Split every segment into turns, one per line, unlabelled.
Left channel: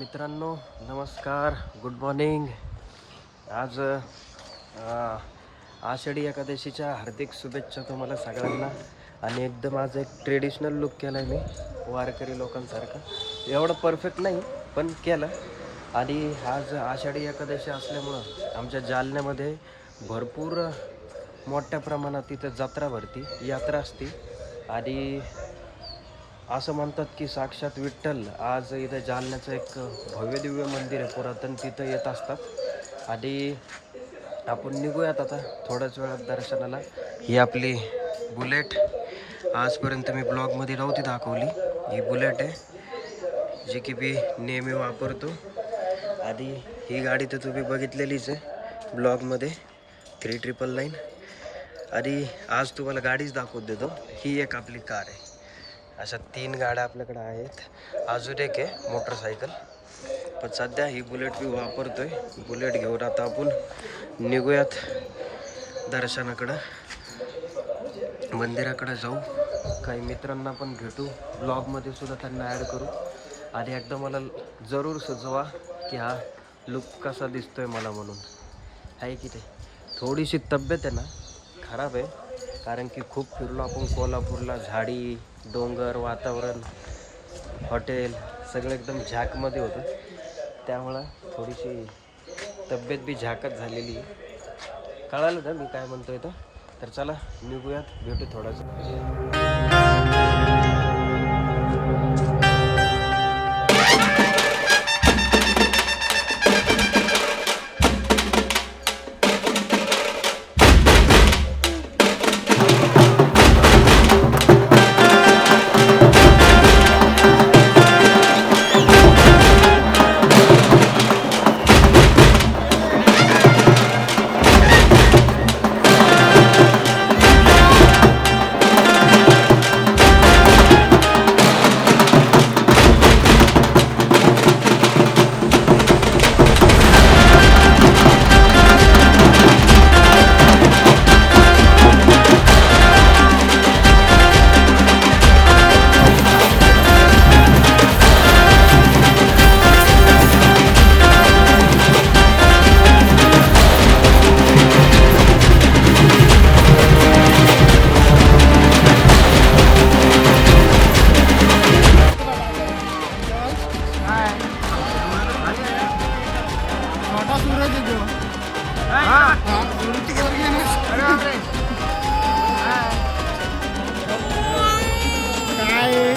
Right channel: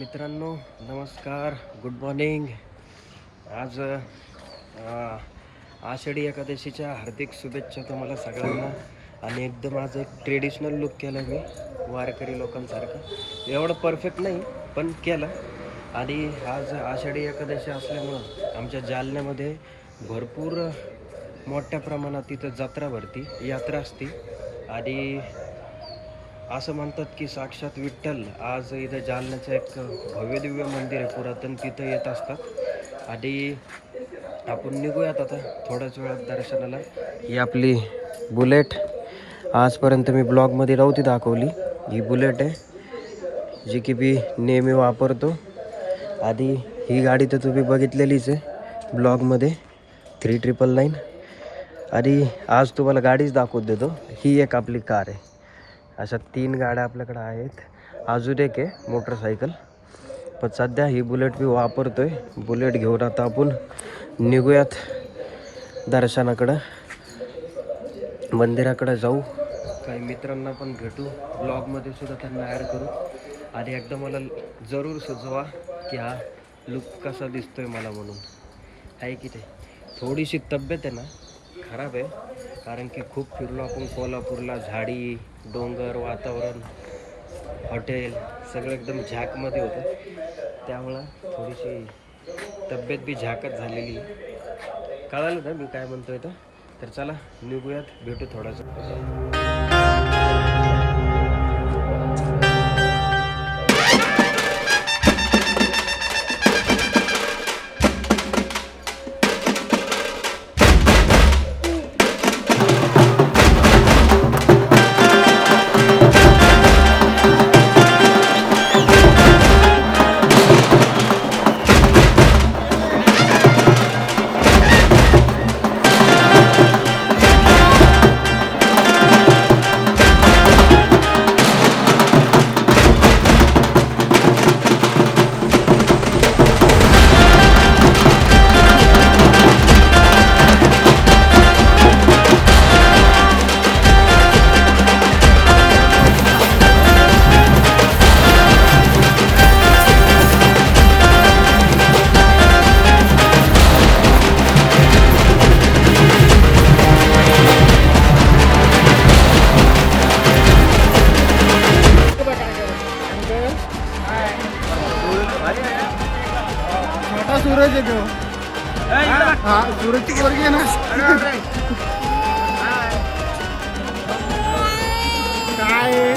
मित्रांनो नमस्कार good morning आज आषाढी एकादशीच्या हार्दिक शुभेच्छा तुम्हाला सगळ्यांना. आणि एकदम आज एक ट्रेडिशनल लुक केला आहे मी वारकरी लोकांसारखा. एवढं परफेक्ट नाही पण केलं. आणि आज आषाढी एकादशी असल्यामुळं आमच्या जालन्यामध्ये भरपूर मोठ्या प्रमाणात तिथं जत्रा भरती यात्रा असती. आणि असं म्हणतात की साक्षात विठ्ठल आज इथं जालन्याचं एक भव्य दिव्य मंदिर आहे. पुरातन तिथं येत असतात. आणि आपण निघूयात आता थोड्याच वेळात दर्शनाला. ही आपली बुलेट आजपर्यंत मी ब्लॉगमध्ये नव्हती दाखवली. ही बुलेट आहे जी की मी नेहमी वापरतो. आधी ही गाडी तर तुम्ही बघितलेलीच आहे ब्लॉगमध्ये. Three triple nine. आणि आज तुम्हाला गाडीच दाखवून देतो. ही एक आपली कार आहे. अशा तीन गाड्या आपल्याकडे आहेत. अजून एक आहे मोटरसायकल. पण सध्या ही बुलेट मी वापरतो आहे बुलेट घेऊन आता आपण निघूयात दर्शनाकडं. मंदिराकडं जाऊ. काही मित्रांना पण भेटू. ब्लॉगमध्ये सुद्धा त्यांना ॲड करू. आणि एकदा मला जरूर सुचवा की हा लुक कसा दिसतोय मला म्हणून. आहे की ते थोडीशी तब्येत आहे ना खराब आहे. कारण की खूप फिरलो आपण कोल्हापूरला झाडी डोंगर वातावरण हॉटेल सगळं एकदम झाकमध्ये होतं. त्यामुळं थोडीशी तब्येत बी झाकत झालेली आहे. कळालं ना मी काय म्हणतोय आहे तर चला निघूयात भेटू थोडासा.
हा सूरजची पोरगी ना काय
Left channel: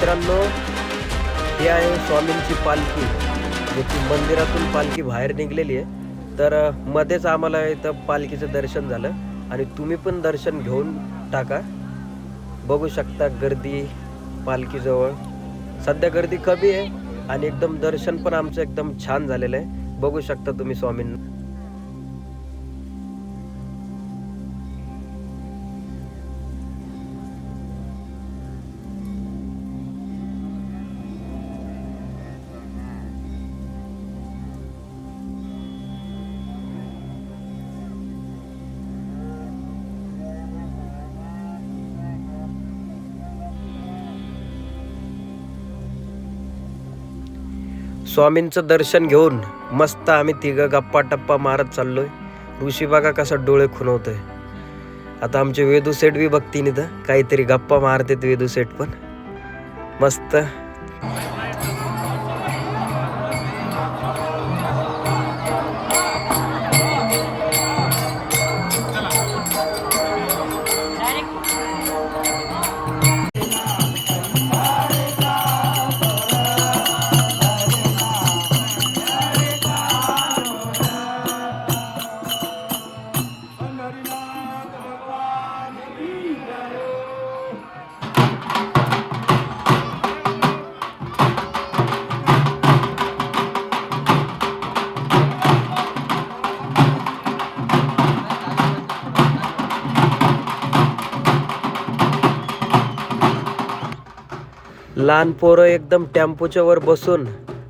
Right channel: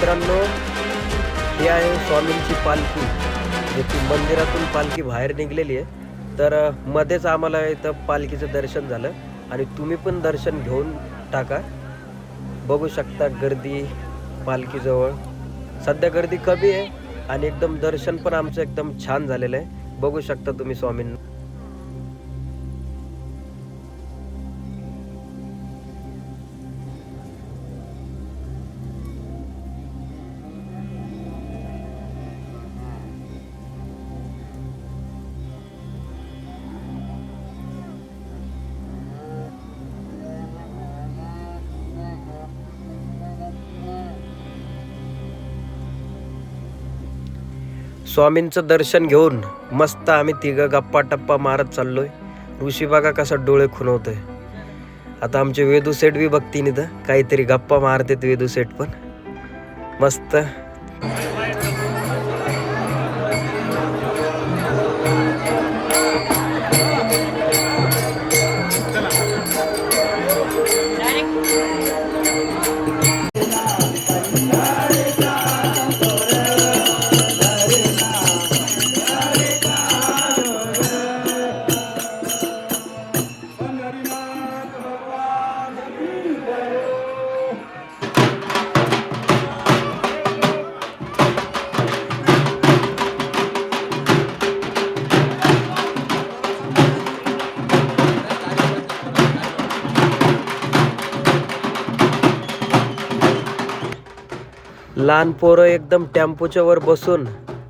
मित्रांनो ही आहे स्वामींची पालखी जे की मंदिरातून पालखी बाहेर निघलेली आहे. तर मध्येच आम्हाला इथं पालखीचं दर्शन झालं आणि तुम्ही पण दर्शन घेऊन टाका. बघू शकता गर्दी पालखीजवळ. सध्या गर्दी कमी आहे आणि एकदम दर्शन पण आमचं एकदम छान झालेलं आहे. बघू शकता तुम्ही स्वामींना. स्वामींचं दर्शन घेऊन मस्त आम्ही तिघं गप्पा टप्पा मारत चाललोय. ऋषी बागा कसा डोळे खुणवतोय. आता आमचे वेदू सेट बी बघतीन इथं काहीतरी गप्पा मारतात वेदू सेट पण. मस्त. लहान पोरं एकदम टेम्पोच्या वर बसून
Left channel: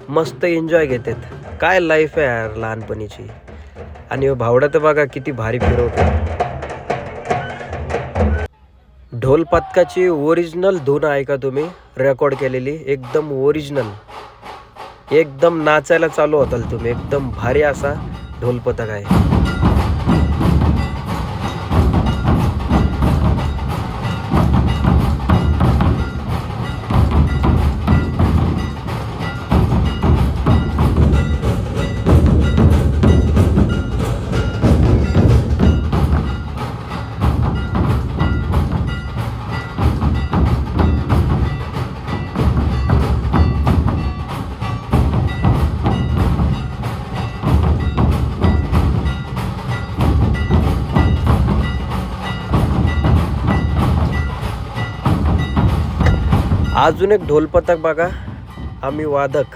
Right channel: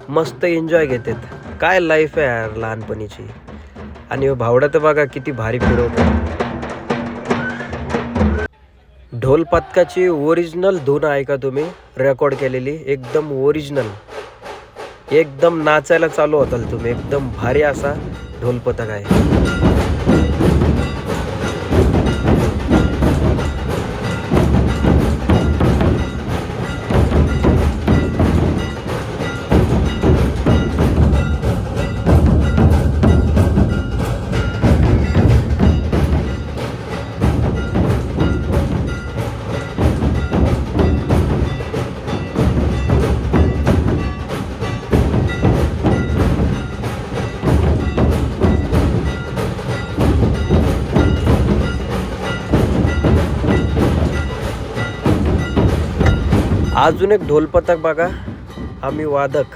मस्त एन्जॉय घेतात. काय लाईफ आहे यार लहानपणीची. आणि हो भावडा तर बघा किती भारी फिरवतो ढोल पथकाची ओरिजिनल धून आहे का तुम्ही. रेकॉर्ड केलेली एकदम ओरिजिनल एकदम नाचायला चालू होताल तुम्ही. एकदम भारी असा ढोल पथक आहे. अजून एक ढोलपथक बघा. आम्ही वादक.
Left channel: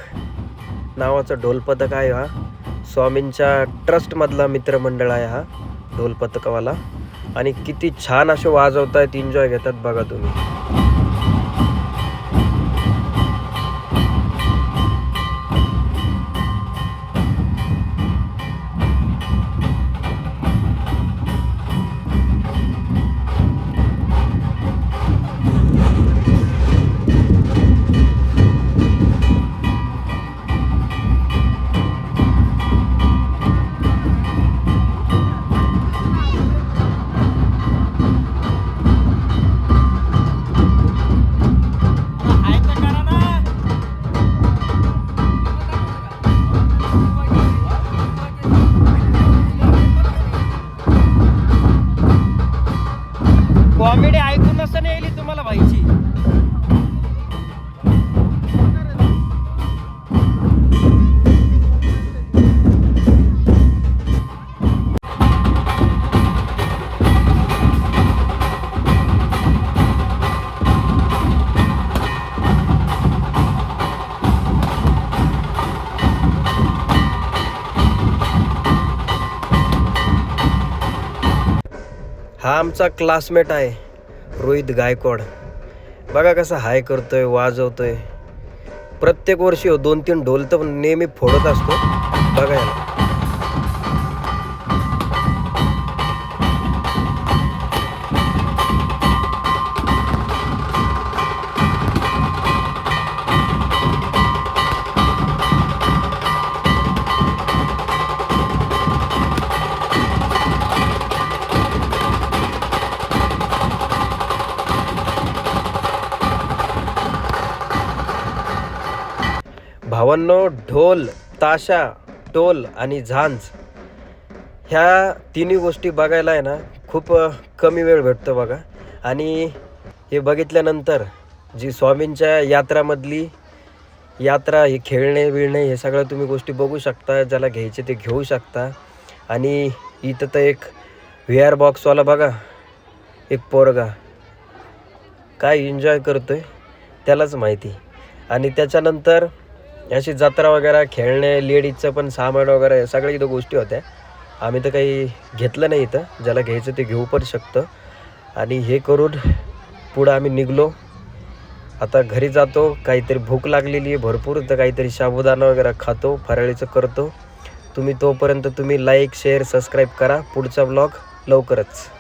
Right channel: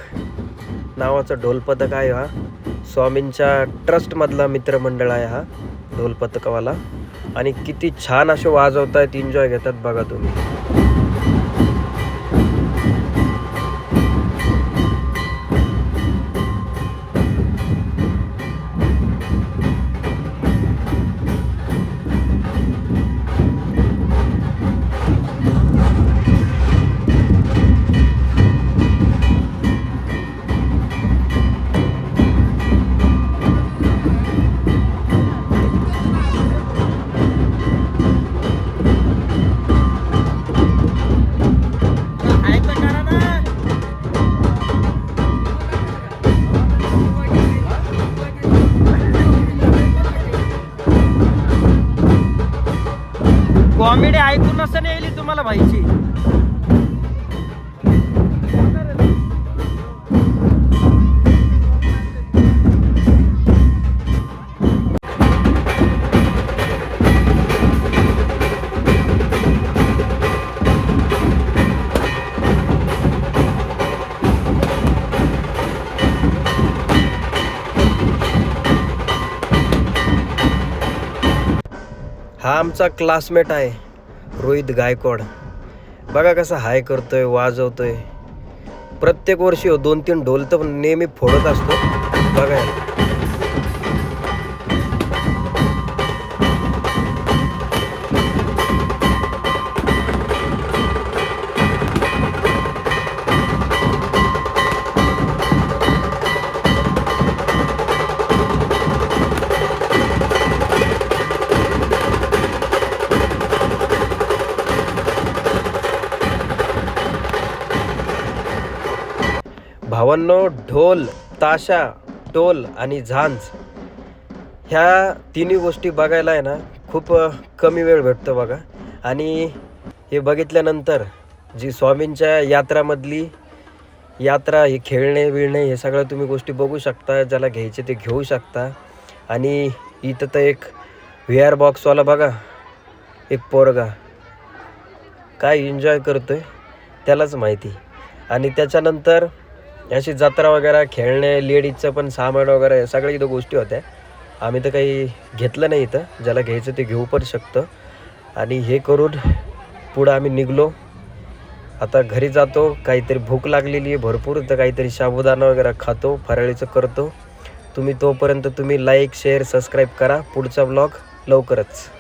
नावाचं ढोलपथक आहे हा. स्वामींच्या ट्रस्टमधला मित्रमंडळ आहे हा ढोलपथकवाला. आणि किती छान असे वाजवत आहेत एन्जॉय घेतात बघा तुम्ही. हा आमचा क्लासमेट आहे रोहित गायकवाड. बघा कसा हाय करतोय वाजवतोय. प्रत्येक वर्षी हो दोन तीन ढोल तर नेहमी फोडत असतो. बघा याला. भावांनो ढोल ताशा टोल आणि झांज ह्या तिन्ही गोष्टी बघायला आहे ना खूप कमी वेळ भेटतो बघा. आणि हे बघितल्यानंतर जी स्वामींच्या यात्रामधली यात्रा हे खेळणे बिळणे हे सगळं तुम्ही गोष्टी बघू शकता ज्याला घ्यायचे ते घेऊ शकता. आणि इथं तर एक व्ही आर बॉक्सवाला बघा एक पोरगा. काय एन्जॉय आहे त्यालाच माहिती. आणि त्याच्यानंतर अशी जत्रा वगैरे खेळणे लेडीजचं पण सामान वगैरे हे सगळ्या इथं गोष्टी होत्या. आम्ही तर काही घेतलं नाही इथं. ज्याला घ्यायचं ते घेऊ पण शकतं. आणि हे करून पुढं आम्ही निघलो. आता घरी जातो. काहीतरी भूक लागलेली आहे भरपूर. तर काहीतरी साबुदाणा वगैरे खातो फराळीचं करतो. तुम्ही तोपर्यंत तुम्ही लाईक शेअर सबस्क्राईब करा. पुढचा ब्लॉग लवकरच.